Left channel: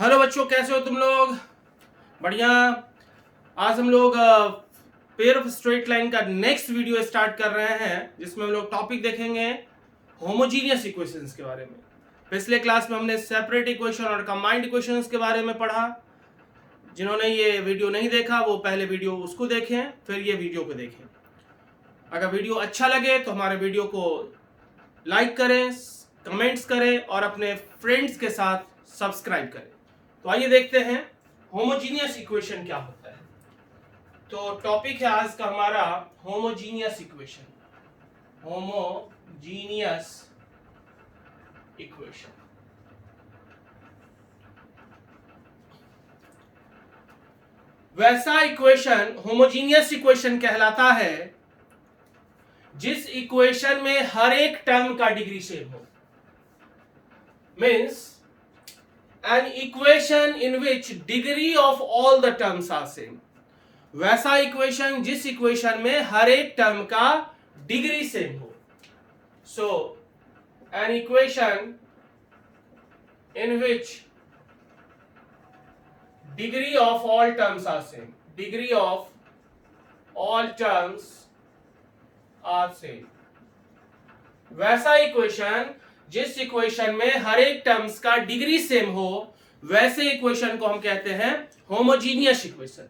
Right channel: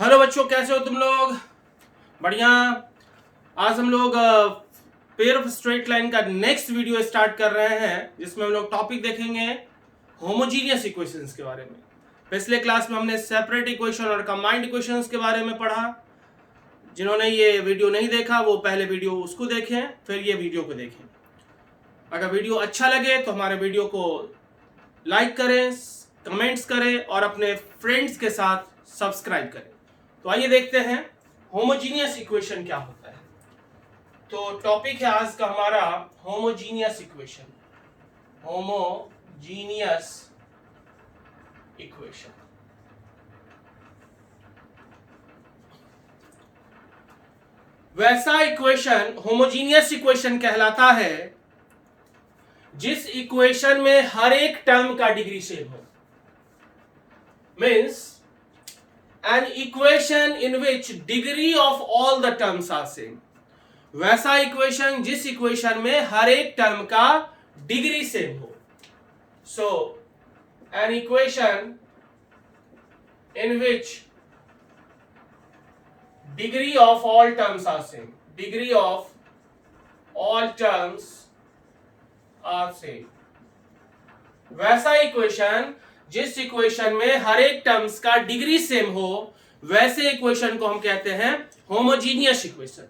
Hello बच्चों, कैसे हो तुम लोग? बढ़िया। आज हम लोग पेयर ऑफ स्ट्रेट लाइन का नेक्स्ट वीडियो स्टार्ट कर रहे हैं, जिसमें हम लोग टॉपिक देखेंगे होमोजीनियस इक्वेशंस के बारे में। पिछले क्लास में हमने सेपरेट इक्वेशन और कंबाइंड इक्वेशंस के बारे में पढ़ा। जिन्होंने ये वीडियो नहीं देखा वो पहले वीडियो उसको देखें, फिर ये वीडियो को देखें। अगर वीडियो अच्छा लगे तो हमारे वीडियो को लाइक करें, कमेंट्स करें और अपने फ्रेंड्स के साथ सब्सक्राइब करें। तो आइए देखते हैं होमोजीनियस इक्वेशन क्या होता है। तो टॉपिक है आज का हमारा होमोजीनियस इक्वेशन। होमोजीनियस इक्वेशन वैसा इक्वेशन होमोजीनियस इक्वेशन कहलाता है जिस इक्वेशन में हर एक टर्म का डिग्री सेम हो। Means an equation in which degree of all the terms are same। वैसा इक्वेशन जिस इक्वेशन में हर एक टर्म का डिग्री सेम हो। So an equation in which degree of all terms are same, degree of all terms are same। वैसा equation जिस equation में हर एक टर्म्स का डिग्री सेम हो, वैसे इक्वेशन को हम कहते हैं होमोजीनियस इक्वेशन।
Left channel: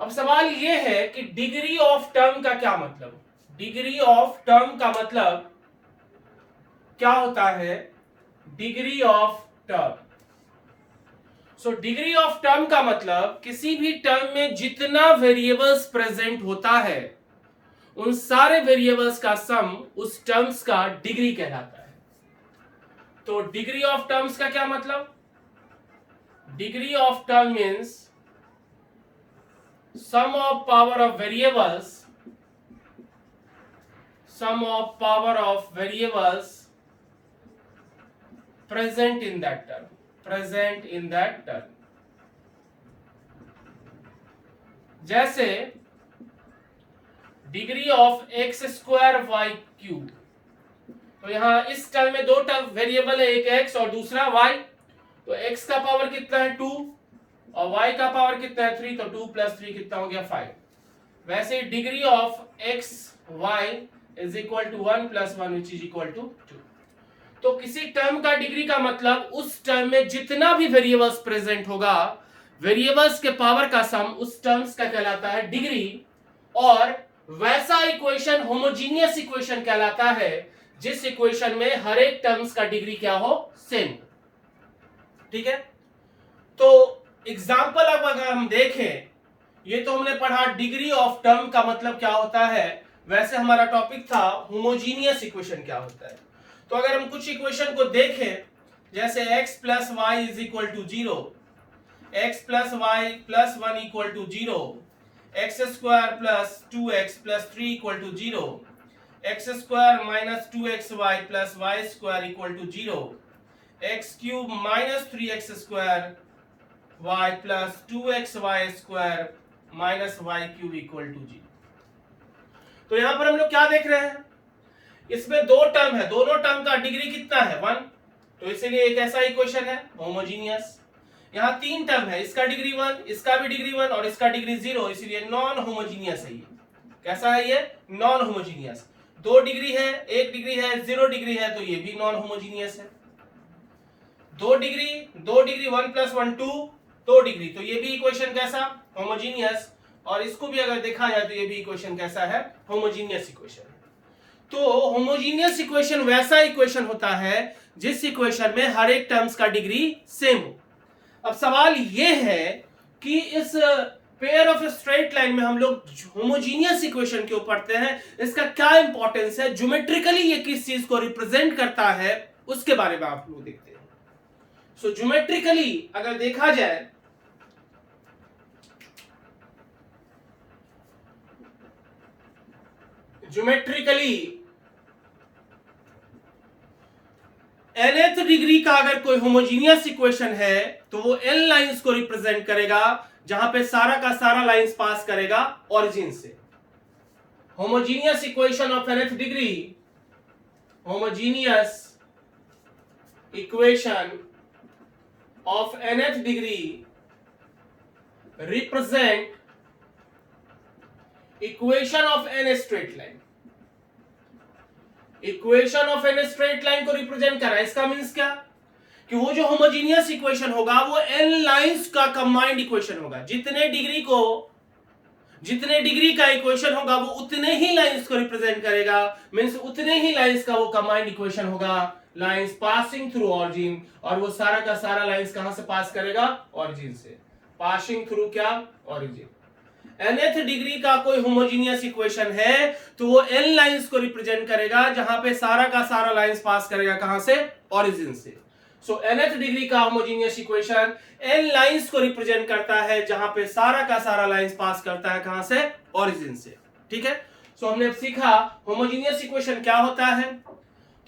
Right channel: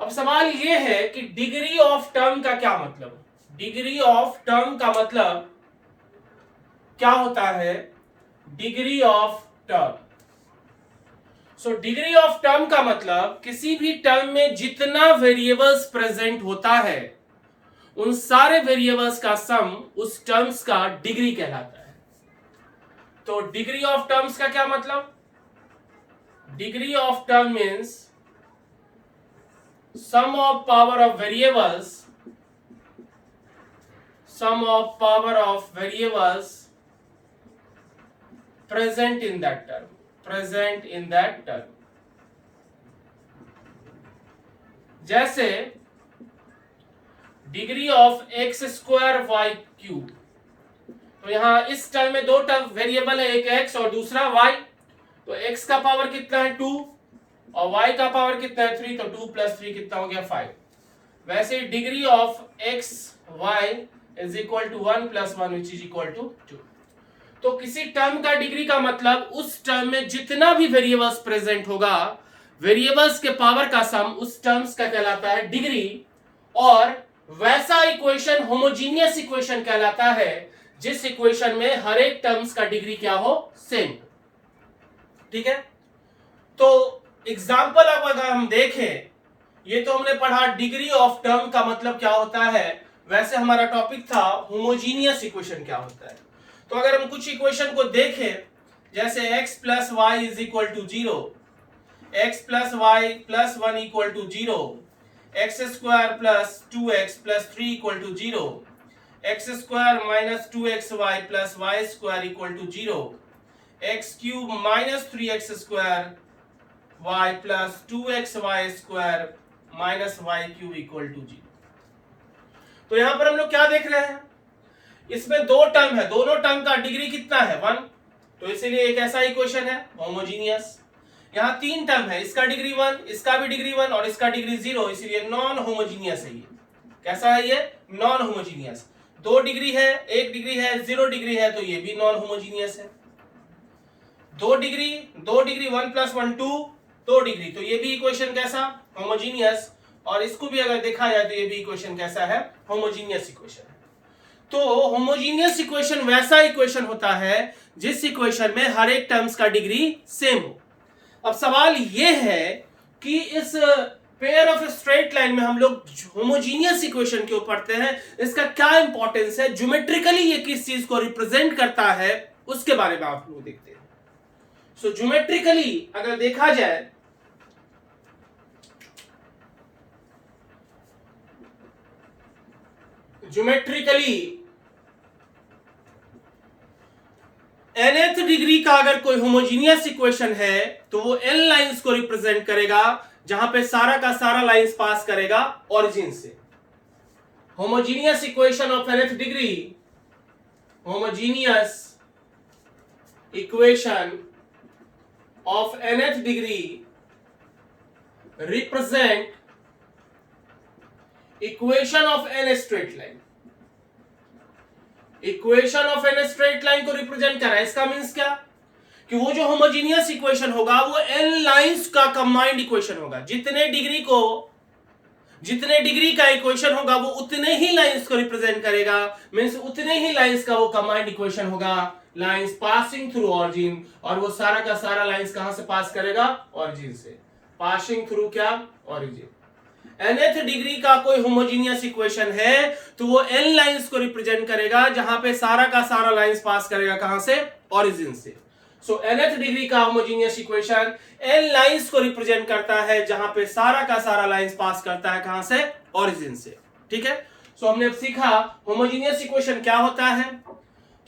अब सवाल यह है कि डिग्री ऑफ टर्म का क्या मतलब? डिग्री ऑफ टर्म का मतलब क्या होता है? Degree of term. So degree of term का मतलब किसी भी टर्म में जितना वेरिएबल्स प्रेजेंट होता है उन सारे वेरिएबल्स का सम उस टर्म्स का डिग्री कहलाता है। तो डिग्री ऑफ टर्म्स का क्या मतलब? Degree of term means sum of power of variables, sum of power of variables present in that term, present in that term. जैसे degree of x square y cube. तो यहां इस term में दो term variable है, एक x और दूसरा वाई। तो एक्स का पावर कितना है 2 और वाई का पावर कितना है 3। तो 2 + 3 कितना हो गया 5। वैसे degree of X Y is equal to 1 + 1 which is equal to 2। तो किसी टर्म का डिग्री का मतलब उस टर्म में जितना भी वेरिएबल्स प्रेजेंट होगा, वेरिएबल्स के पावर का सम उस टर्म्स का कहलाता है डिग्री। और वैसा इक्वेशन होमोजीनियस इक्वेशन कहलाता है जिस इक्वेशन में हर एक टर्म्स का डिग्री क्या हो? सेम। ठीक है। तो एग्जांपल अब अगर हम देखें, ये तो हमने पढ़ा डिग्री ऑफ टर्म का मतलब क्या होता है। वैसे हमारा टॉपिक था होमोजीनियस इक्वेशन क्या होता है। तो अगर हम कुछ इक्वेशन को देखें, जैसे x + y = 0, x + y + 1 = 0, x² + 2x + 3 = 0, x² - 2xy + y² = 0, x³ - 3x² y + 2xy² - y³ = 0। तो यहां पर हम लोग क्या देख रहे हैं? इसमें दो टर्म है, दोनों टर्म का डिग्री कितना है? 1। तो इसीलिए एक ऐसा इक्वेशन है होमोजीनियस। यहां तीन टर्म है, इसका डिग्री 1, इसका भी डिग्री 1 और इसका डिग्री 0, इसीलिए नॉन होमोजीनियस है ये। कैसा है ये? Non homogeneous. 2 डिग्री है, 1 डिग्री है, 0 डिग्री है, तो ये भी नॉन होमोजीनियस है। 2 डिग्री 1 + 1 2 डिग्री, तो ये भी इक्वेशन कैसा? होमोजीनियस। और इसको भी अगर देखा जाए तो ये भी इक्वेशन कैसा है? Homogeneous equation. तो होमोजीनियस इक्वेशन वैसा इक्वेशन होता है जिस इक्वेशन में हर एक टर्म्स का डिग्री सेम हो। अब सवाल यह है कि इस पेयर ऑफ स्ट्रेट लाइन में हम लोग होमोजीनियस इक्वेशन क्यों पढ़ते हैं, इसका क्या इंपॉर्टेंस है, ज्योमेट्रिकली ये किस चीज को रिप्रेजेंट करता है, उसके बारे में आप लोग देखते हैं। सो ज्योमेट्रिकली अगर देखा जाए, ज्योमेट्रिकली nth डिग्री का अगर कोई होमोजीनियस इक्वेशन है तो वो n लाइंस को रिप्रेजेंट करेगा, जहां पे सारा का सारा लाइंस पास करेगा ओरिजिन से। Homogeneous equation of nth degree, homogeneous equation of nth degree represent equation of n straight line. Equation of N straight line को रिप्रेजेंट कर रहा है. इसका मींस क्या कि वो जो होमोजीनियस इक्वेशन होगा वो एन लाइंस का कंबाइंड इक्वेशन होगा. जितने डिग्री का इक्वेशन होगा वो उतने ही लाइंस को रिप्रेजेंट करेगा. मींस उतने ही लाइंस का वो कंबाइंड इक्वेशन होगा. लाइंस पासिंग थ्रू ऑरिजिन, और वो सारा का सारा लाइंस कहां से पास करेगा? ऑरिजिन से. पासिंग थ्रू क्या? ऑरिजिन. nth डिग्री का कोई होमोजीनियस इक्वेशन है तो वो n लाइंस को रिप्रेजेंट करेगा जहां पे सारा का सारा लाइंस पास करेगा कहां से? ऑरिजिन से. सो nth डिग्री का होमोजीनियस इक्वेशन n लाइंस को रिप्रेजेंट करता है जहां पे सारा का सारा लाइंस पास करता है कहां से? ऑरिजिन से. ठीक है. सो हमने सीखा होमोजीनियस इक्वेशन क्या होता है.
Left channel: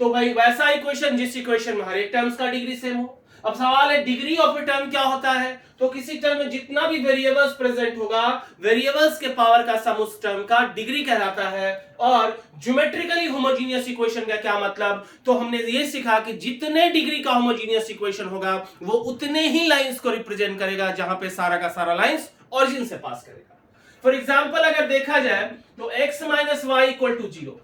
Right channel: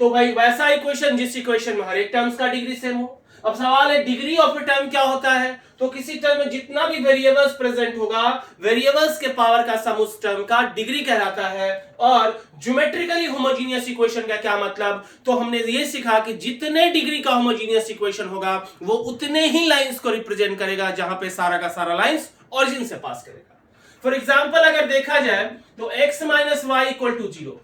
तो भाई वैसा इक्वेशन जिस इक्वेशन में हर एक टर्म्स का डिग्री सेम हो. अब सवाल है डिग्री ऑफ ए टर्म क्या होता है. तो किसी टर्म में जितना भी वेरिएबल्स प्रेजेंट होगा वेरिएबल्स के पावर का सम उस टर्म का डिग्री कहलाता है. और ज्योमेट्रिकली होमोजीनियस इक्वेशन का क्या मतलब? तो हमने ये सीखा कि जितने डिग्री का होमोजीनियस इक्वेशन होगा वो उतने ही लाइंस को रिप्रेजेंट करेगा जहां पे सारा का सारा लाइंस ऑरिजिन से पास करेगा. फॉर एग्जांपल अगर देखा जाए तो x minus Y equal to 0,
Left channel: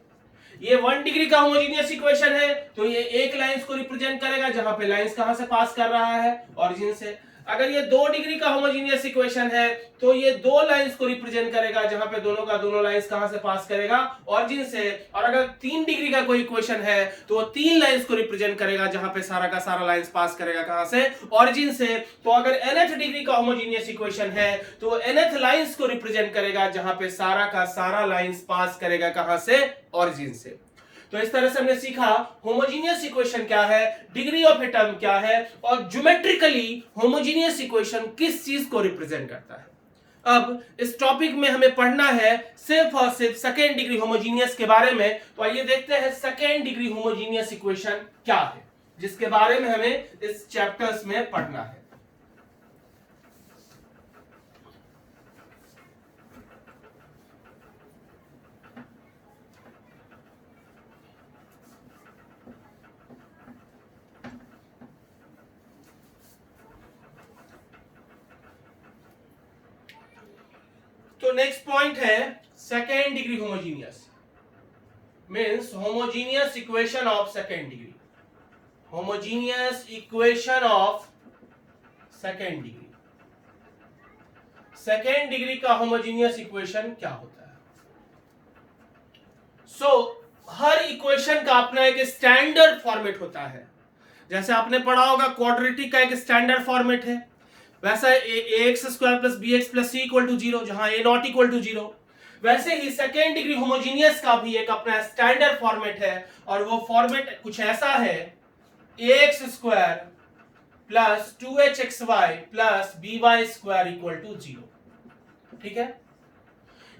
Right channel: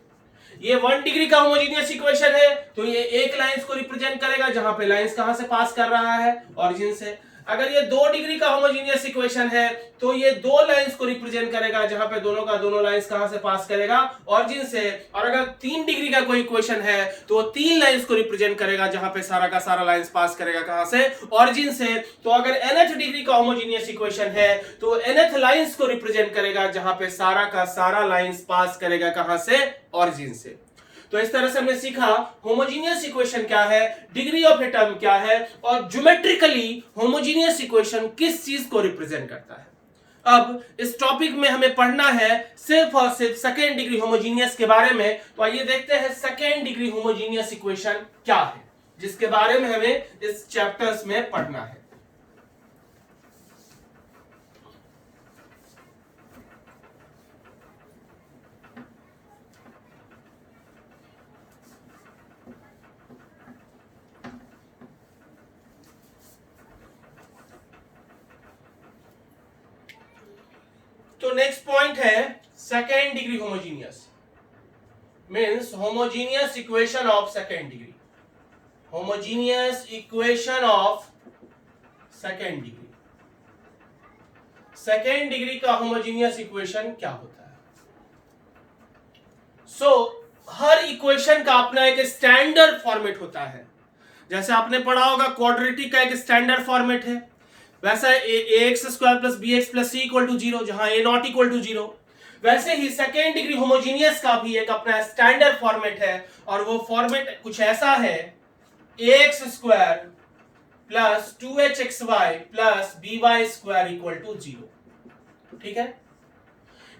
ये 1 डिग्री का होमोजीनियस इक्वेशन है तो ये एक लाइंस को रिप्रेजेंट करेगा जहां पे लाइंस कहां से पास कर रहा है? ऑरिजिन से. अगर ये 2 डिग्री का होमोजीनियस इक्वेशन है तो ये 2 लाइंस को रिप्रेजेंट करेगा जहां पे दोनों का दोनों लाइंस कहां से पास करेगा? ऑरिजिन से. और अगर 3 डिग्री का कोई इक्वेशन है तो वो 3 लाइंस को रिप्रेजेंट करेगा जहां पे सारा का सारा लाइंस पास करेगा कहां से? ऑरिजिन से. तो अगर nth डिग्री का होमोजीनियस इक्वेशन है तो nth लाइंस को रिप्रेजेंट करेगा जहां पे सारा का सारा लाइंस पास करेगा कहां से? ऑरिजिन से. तो इस तरह से हमने सीखा होमोजीनियस इक्वेशन क्या है, डिग्री ऑफ ए टर्म क्या है, और ज्योमेट्रिकली होमोजीनियस इक्वेशन किस चीज को रिप्रेजेंट करता है. अब इस टॉपिक में हमें पढ़ना है सिर्फ और सिर्फ सेकेंड डिग्री होमोजीनियस के बारे में. तो आइए देखते हैं सेकेंड डिग्री होमोजीनियस इक्वेशन क्या है जिसके बारे में हमें इस चैप्टर्स में पढ़ना है. तो नेक्स्ट पॉइंट है second degree homogeneous. Means homogeneous equation of second degree. Homogeneous equation of second degree. Second degree का होमोजीनियस इक्वेशन क्या होता है? हर इक्वेशन का अपना एक स्टैंडर्ड फॉर्मेट होता है. जैसे आपने पढ़ा होगा क्वाड्रेटिक का एक स्टैंडर्ड फॉर्मेट है, वैसा ax square plus bx plus c equal to 0 जहां a नॉट इक्वल टू 0. वैसे ही सेकेंड डिग्री होमोजीनियस का भी एक अपना स्टैंडर्ड फॉर्मेट है और वो फॉर्मेट कुछ ऐसा है ax square plus 2hxy plus by square equal to 0. ठीक है.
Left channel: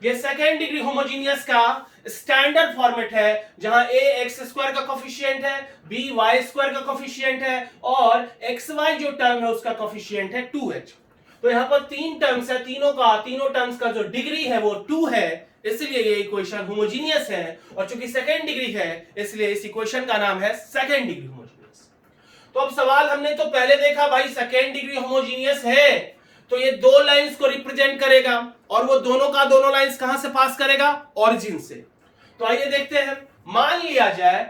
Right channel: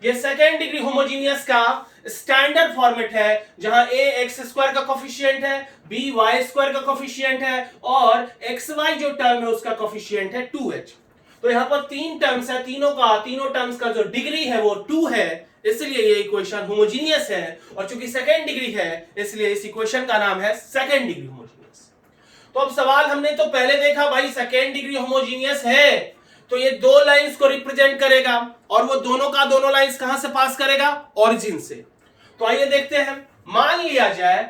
ये सेकेंड डिग्री होमोजीनियस का स्टैंडर्ड फॉर्मेट है जहां a x स्क्वायर का कोफिशिएंट है, b y स्क्वायर का कोफिशिएंट है और xy जो टर्म है उसका कोफिशिएंट है 2h. तो यहां पर 3 टर्म्स है, तीनों टर्म्स का जो डिग्री है वो 2 है, इसलिए ये इक्वेशन होमोजीनियस है. और चूंकि सेकेंड डिग्री है इसलिए इस इक्वेशन का नाम है सेकेंड डिग्री होमोजीनियस. तो अब सवाल हमने तो पहले देखा भाई सेकेंड डिग्री होमोजीनियस है तो ये 2 लाइंस को रिप्रेजेंट करेगा और वो दोनों का दोनों लाइंस कहां से पास करेगा? ऑरिजिन से. तो आइए देखते हैं. मान लिया जाए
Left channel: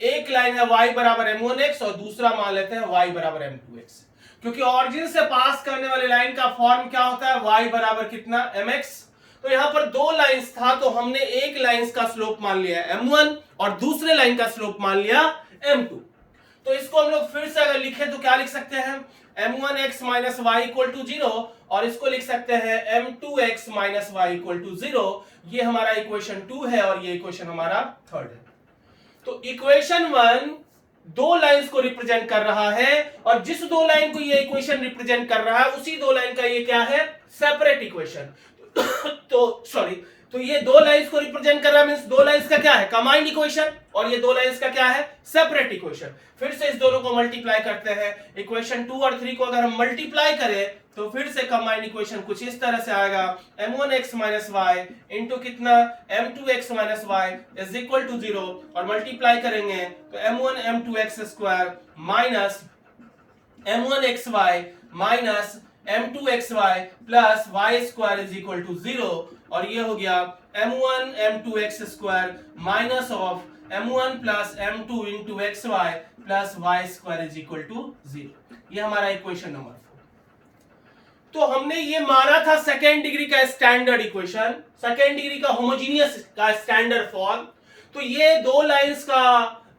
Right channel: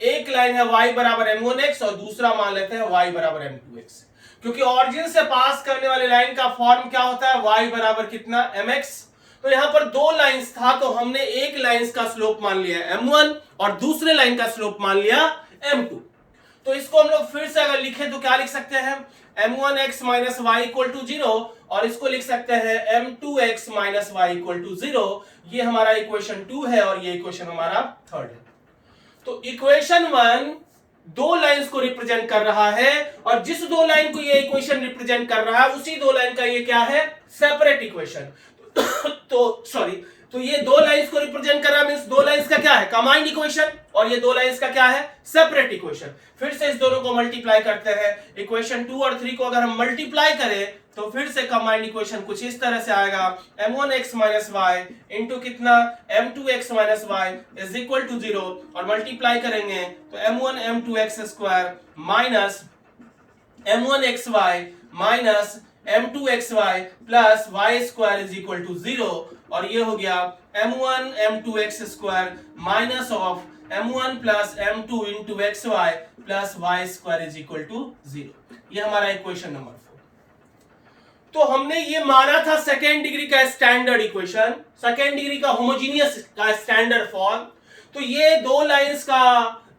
एक लाइन है y बराबर m1x और दूसरा मान लेते हैं y बराबर m2x. क्योंकि ऑरिजिन से पास करने वाली लाइन का फॉर्म क्या होता है? y बराबर कितना? mx. तो यहां पर 2 लाइंस था तो हमने एक लाइंस का स्लोप मान लिया m1 और दूसरे लाइन का स्लोप मान लिया m2. तो इसको हम लोग फिर से अगर लिखें तो क्या लिख सकते हैं? m1x minus Y equal to 0 और इसको लिख सकते हैं m2x minus Y equal to 0. ये हमारा इक्वेशन 2 है और ये इक्वेशन हमारा थर्ड है. तो इक्वेशन 1 2 लाइंस को रिप्रेजेंट कर रहा है और जिस 2 लाइन को ये इक्वेशन रिप्रेजेंट कर रहा है उसी 2 लाइन का ये क्या है? Separate equation. तो ये 2 लाइंस को रिप्रेजेंट कर रहा है, मींस 2 लाइंस का क्या है? Combined equation. और ये 2 लाइंस का क्या है? Separate equation. फिर से इस दोनों को मल्टीप्लाई करते हैं. इक्वेशन 2 और 3 को अगर हम मल्टीप्लाई करें तो फिर से कंबाइंड इक्वेशन कुछ इस तरह से आएगा m1x माइनस वाई इंटू कितना? m2x minus Y is equal to 0 और मल्टीप्लाई करेंगे तो m1 m2x square minus m1xy minus m2xy plus y square is equal to 0, और ये हो गया m1 m2x square minus of m1 plus m2 into xy plus y square is equal to 0। ये हमारा equation number 4। तो हमने ये माना था सेकेंड डिग्री का स्टैंडर्ड इक्वेशन, सेकेंड डिग्री का होमोजीनियस का स्टैंडर्ड फॉर्म। तो ये दो लाइंस का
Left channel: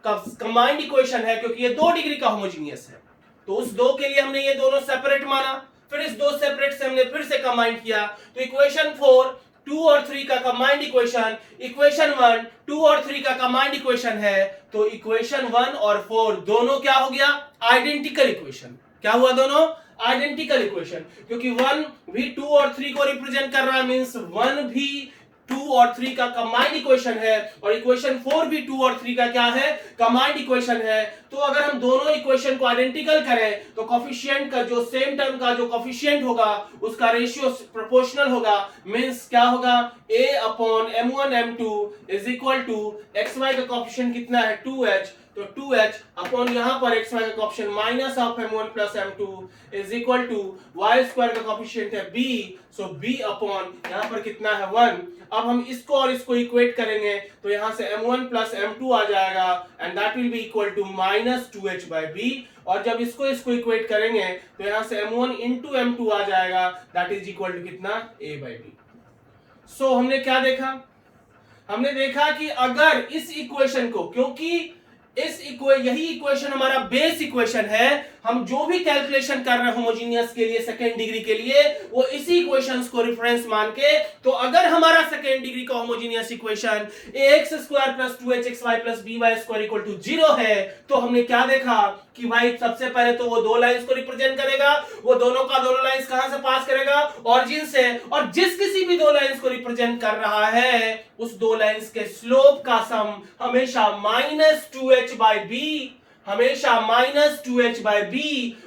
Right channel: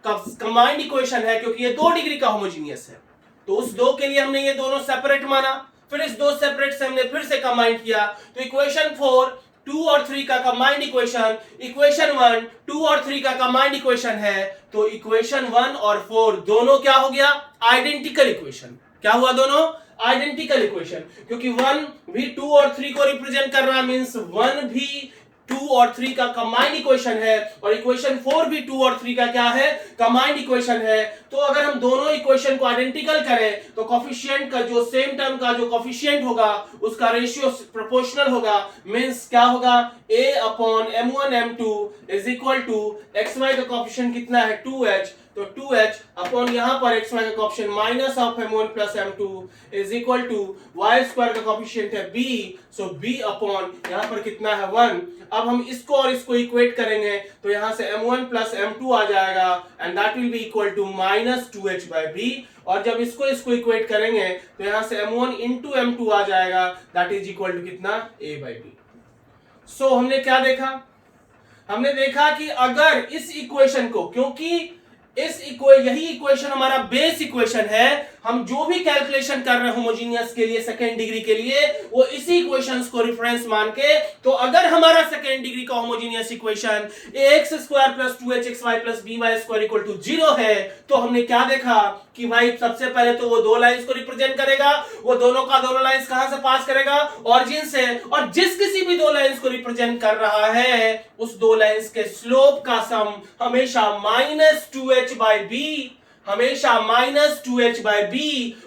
कंबाइंड इक्वेशन है, क्योंकि ये 2 डिग्री का होमोजीनियस है। तो उस दो के लिए हमने ये दोनों सेपरेट माना, फिर इस दो सेपरेट से हमने फिर से कंबाइंड किया। तो इक्वेशन 4 2 और 3 का कंबाइंड इक्वेशन, इक्वेशन 1 2 और 3 का कंबाइंड इक्वेशन है। तो इक्वेशन 1 और 4 दोनों क्या हो गया? Identical equation. क्या हुआ? दोनों आइडेंटिकल इक्वेशन, क्योंकि 1 भी 2 और 3 को रिप्रेजेंट कर रहा है, मींस 1 भी 2 और 3 का कंबाइंड इक्वेशन है, और इक्वेशन 4 भी 2 और 3 का क्या है? कंबाइंड इक्वेशन है। तो अगर हम दोनों इक्वेशन को आइडेंटिकल करें तो कोफिशिएंट का जो सेम टर्म का जो कोफिशिएंट होगा उसका रेशियो प्रोपोर्शनल होगा, मींस क्या होगा? a upon m1 m2 is equal to xy का कोफिशिएंट कितना है? 2h, तो 2h अपॉन यहां पर xy का coefficient minus of m1 plus m2 is equal to y square का कोफिशिएंट है b, सो b अपॉन यहां पर कितना है? 1। अब हम इसको और इसको इक्वेट करेंगे तो यहां से m1 प्लस m2 आ जाएगा, and that will be equal to minus 2h by b। और जब इसको इसको इक्वेट करेंगे तो यहां से m1 इंटू m2 आ जाएगा, दैट इज इक्वल टू कितना? a by b। सो हमने क्या देखा? हमने देखा कि अगर इस इक्वेशन को, क्योंकि यही इक्वेशन हमारा बेस इक्वेशन है, हम जो भी कैलकुलेशन कर रहे हैं होमोजीनियस के लिए सेकेंड डिग्री के लिए वो इसी इक्वेशंस को रेफरेंस मान के, तो अगर हमारा सेकेंड डिग्री का homogeneous equation ax square plus 2hxy plus by square equal to 0 है, तो हमने क्या देखा कि भाई सबसे पहले तो वो दो लाइंस को रिप्रेजेंट करेगा, वो दोनों का दोनों लाइंस कहां से पास करेगा? ऑरिजिन से, और जिस किसी भी दो लाइंस को रिप्रेजेंट कर रहा है उस दो लाइंस के स्लोप का सम हमेशा माइनस 2h बाय b, हमेशा माइनस 2h बाय b,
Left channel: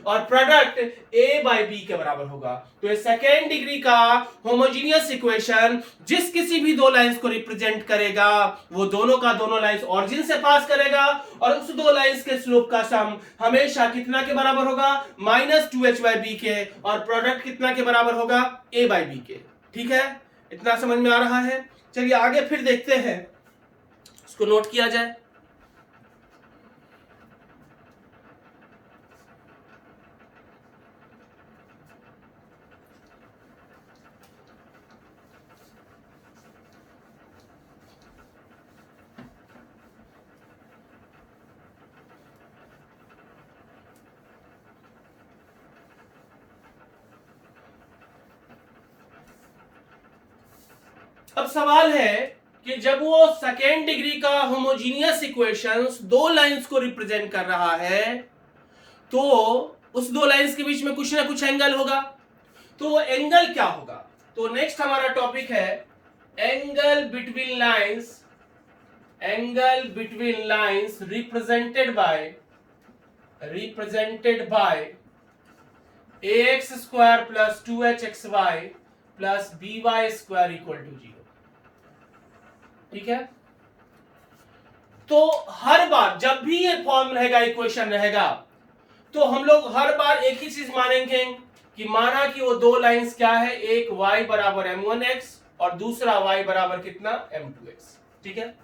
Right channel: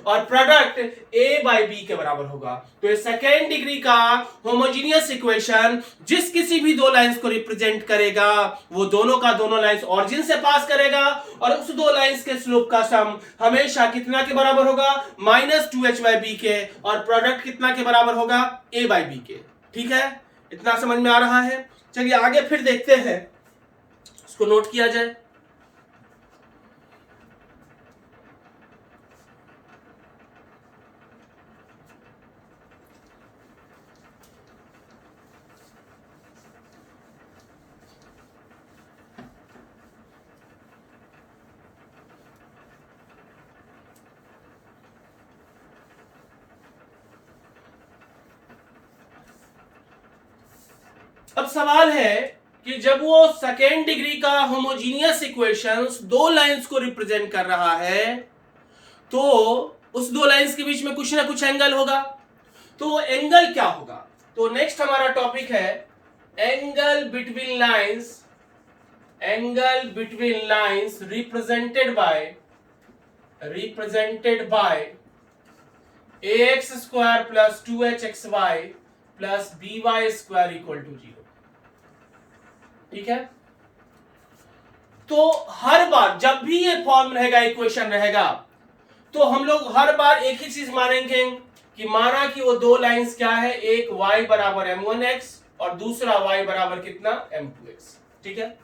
और प्रोडक्ट a बाय b के बराबर होगा। तो ये सेकेंड डिग्री का होमोजीनियस इक्वेशन जिस किसी भी दो लाइंस को रिप्रेजेंट करेगा वो दोनों का दोनों लाइंस ऑरिजिन से पास करेगा, और उस दो लाइंस के स्लोप का सम हमेशा कितना के बराबर होगा? माइनस 2h बाय b के, और प्रोडक्ट कितना के बराबर होगा? a बाय b के। ठीक है, इतना समझ में आ रहा है? चलिए आगे फिर देखते हैं, इसको नोट किया जाए। अब सवाल है कि जब वो सेकेंड डिग्री का होमोजीनियस इक्वेशंस दो लाइंस को रिप्रेजेंट कर रहा है तो उस दो लाइंस के बीच में कुछ ना कुछ एंगल होगा, तो वो एंगल क्या होगा? तो नेक्स्ट हमारा टॉपिक है angle between lines, angle between lines represented by ax square plus 2hxy plus by square equal to 0। ठीक है, तो हर बार जब भी ये फॉर्म रहेगा, इक्वेशन रहेगा, तो हम लोग हर बार एक ही चीज मानेंगे कि माना कि वो दो लाइंस क्या है, एक y बराबर m1x और दूसरा y बराबर कितना? m2x। ठीक है,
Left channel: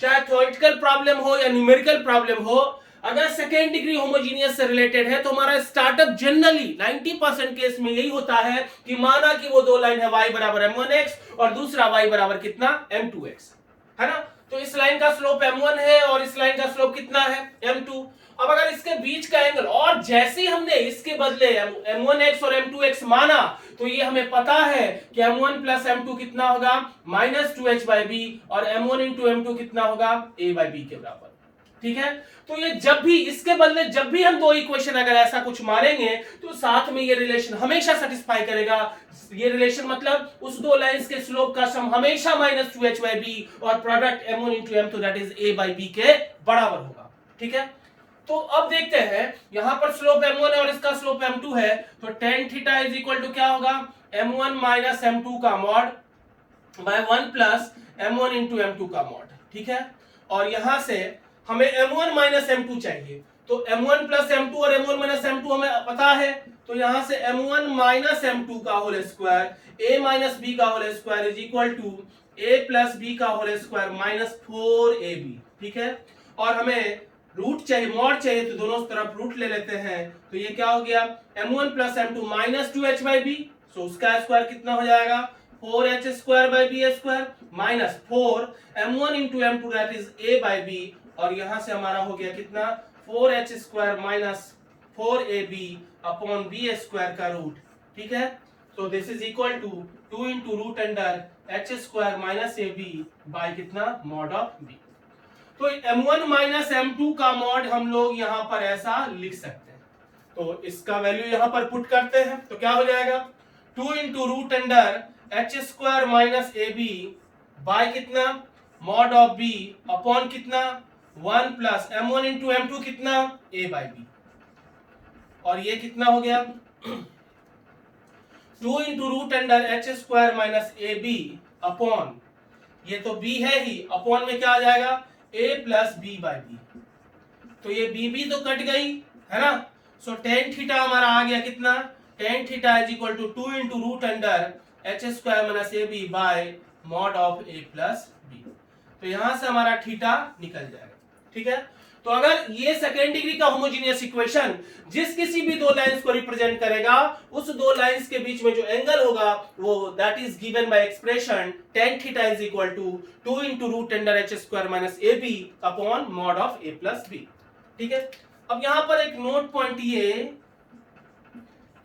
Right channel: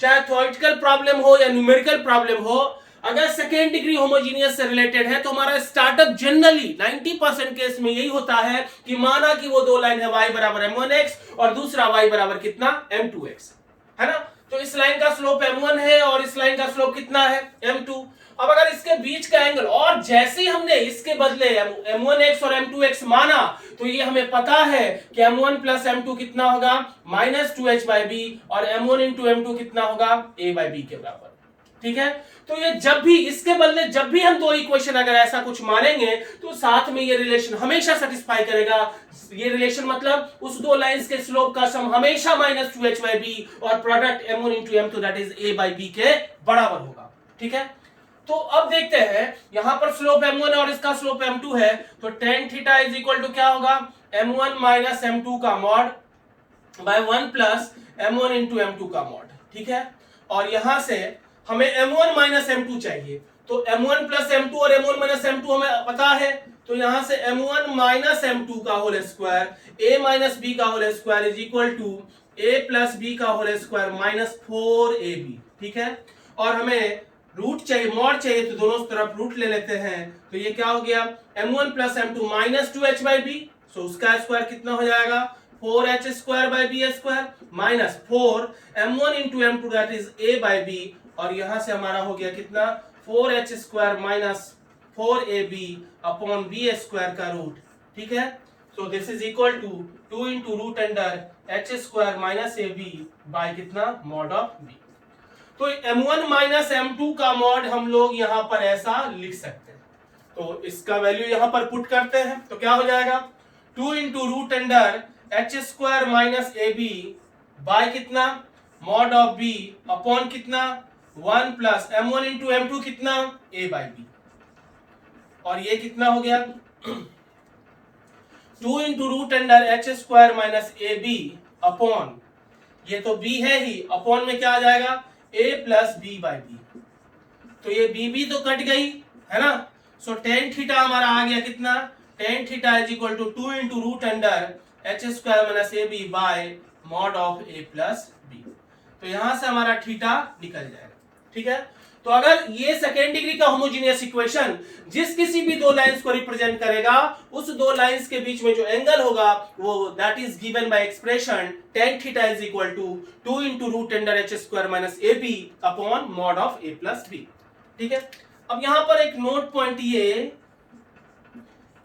चाहे थ्योरेटिकल प्रॉब्लम हो या न्यूमेरिकल प्रॉब्लम हो, अगर सेकेंड डिग्री होमोजीनियस से रिलेटेड है तो हमारा स्टार्टअप जनरली 90% केस में यही होता है कि माना कि वो दो लाइन है y बराबर m1x और दूसरा y बराबर कितना? m2x, है ना? तो इस लाइन का स्लोप m1 है और इस लाइन का स्लोप कितना है? m2। अब अगर इसके बीच का एंगल, और जैसे ही हमने इसके बदले m1x और m2x माना तो ये हमें पता है कि m1 प्लस m2 कितना होगा? माइनस 2h बाय b, और m1 इंटू m2 कितना होगा? a बाय b के बराबर। ठीक है, तो ये जब भी इसके बदले जब भी हम दो इक्वेशन अगर ऐसा कुछ मानेंगे तो साथ में ये रिलेशन हमेशा सेटिस्फाई करेगा। ये रिलेशन मतलब उस दो लाइंस के स्लोप का सम हमेशा माइनस 2h बाय b और product m1 into m2 that is a by b के बराबर होगा। ठीक है, तो अब देखते हैं, यहां पर स्लोप m1 है और इसका स्लोप m2 है, तो tan theta is equal to क्या होगा? m1 माइनस m2 का mod bye 1 plus m1 into m2 का मॉड। ठीक है, और यहां से हमें m1 माइनस m2 चाहिए, तो m1 प्लस m2 और m1 माइनस m2 हमें पता है, तो यहां से m1 माइनस m2 का whole square a minus b का whole square is equal to a plus b का होल स्क्वायर माइनस 4ab, ठीक है। और हमें रूट चाहिए, मॉड चाहिए, तो दोनों तरफ रूट ले लेते हैं, तो ये क्या हो गया m1 plus m2 minus 2h by b, so उसका स्क्वायर कितना हो जाएगा 4h square by b square minus 4 m1 into m2 that is a by b, और यहां से हमारा हो गया कितना 4h square minus 4ab upon b square का रूट, ठीक है। So this is equal to 2 into root under h square minus ab by कितना मॉड ऑफ b। तो m1 माइनस m2 का मॉड हम लोग यहां पर ऐसा लिख सकते हैं, तो इसका वैल्यू यहां पर पुट करते हैं, तो क्या हो जाएगा 2 into root under h square minus ab by कितना मॉड ऑफ b अपॉन कितना 1 प्लस m1 इंटू m2 कितना a बाई b, और ये कितना हो गया 2 into root under h square minus ab upon, ये तो b है ही, अपॉन में क्या आ जाएगा a plus B by B, तो ये b भी तो कट गई है ना। सो टेन थीटा हमारा आ गया कितना tan theta is equal to 2 into root under H square minus A B by mod of a plus B, तो यहां से हमारा थीटा निकल जाएगा, ठीक है। तो अगर ये सेकेंड डिग्री का होमोजेनियस इक्वेशन जिस किसी भी दो लाइंस को रिप्रेजेंट करेगा, उस दो लाइंस के बीच में जो एंगल होगा वो that is given by expression tan theta is equal to 2 into root under h square minus A B upon mod of a plus B, ठीक है। अब यहां पर एक नोट पॉइंट ये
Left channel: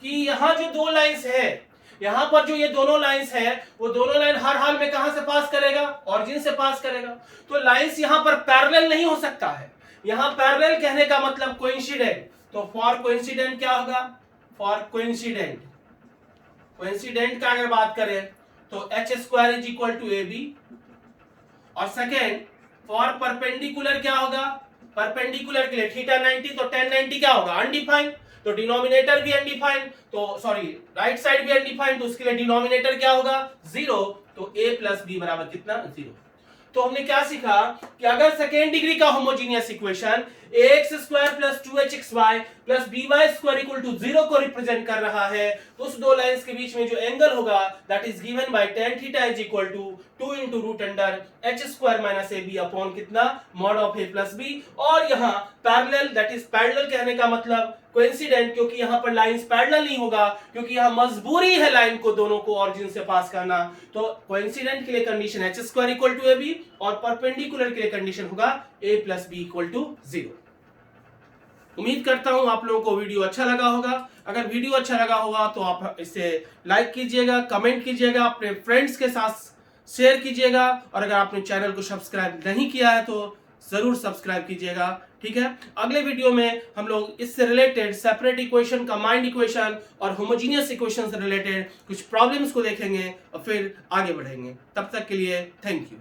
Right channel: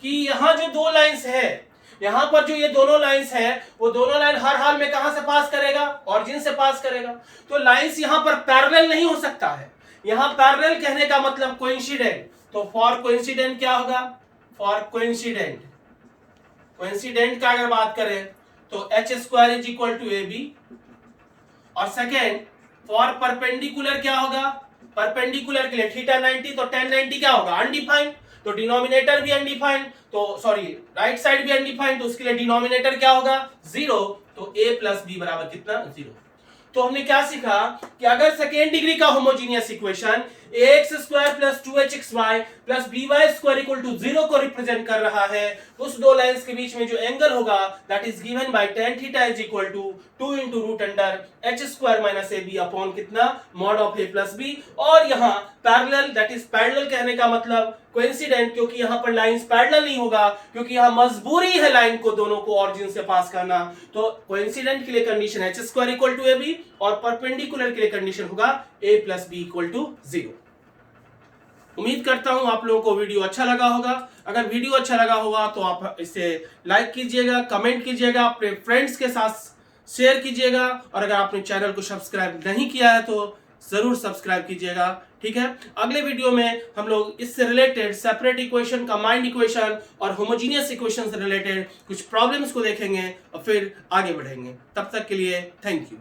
कि यहां जो दो लाइंस है, यहां पर जो ये दोनों लाइंस है, वो दोनों लाइन हर हाल में कहां से पास करेगा ऑरिजिन से पास करेगा, तो लाइंस यहां पर पैरेलल नहीं हो सकता है। यहां पैरेलल कहने का मतलब कोइंसिडेंट, तो फॉर कोइंसिडेंट क्या होगा फॉर कोइंसिडेंट, कोइंसिडेंट का अगर बात करें तो h square is equal to A B, और सेकेंड फॉर परपेंडिकुलर क्या होगा परपेंडिकुलर के लिए थीटा 90, तो tan 90 क्या होगा अनडिफाइंड, तो डिनोमिनेटर भी अनडिफाइंड, तो सॉरी राइट साइड भी अनडिफाइंड, तो उसके लिए डिनोमिनेटर क्या होगा 0, तो a प्लस बी बराबर कितना 0। तो हमने क्या सीखा कि अगर सेकेंड डिग्री का homogeneous equation ax square plus 2hxy plus by square equal to 0 को रिप्रेजेंट कर रहा है, तो उस दो लाइंस के बीच में जो एंगल होगा that is given by tan theta is equal to 2 into root under h square minus A B upon कितना mod of a plus b, और यहाँ पैरेलल दैट इज पैरेलल कहने का मतलब कोइंसिडेंट, क्योंकि यहाँ पर लाइंस पैरेलल नहीं होगा, क्योंकि यहाँ मजबूरी है लाइन को दोनों को ऑरिजिन से पास करना, तो कोइंसिडेंट के लिए condition h square equal to A B, और परपेंडिकुलर के लिए कंडीशन होगा a plus B equal to 0। उम्मीद करता हूं आप लोगों को वीडियो अच्छा लगा होगा। अगर वीडियो अच्छा लगा होगा तो आप इसे लाइक कीजिएगा, कमेंट कीजिएगा, अपने फ्रेंड्स के साथ शेयर कीजिएगा, और अगर आपने चैनल को सब्सक्राइब नहीं किया है तो जरूर सब्सक्राइब कीजिएगा, ठीक है। अगले वीडियो में हम लोग इससे related separate equation, combined equation और होमोजेनियस इक्वेशन से रिलेटेड कुछ प्रॉब्लम्स को देखेंगे और फिर आगे बढ़ेंगे। तब तक के लिए थैंक यू।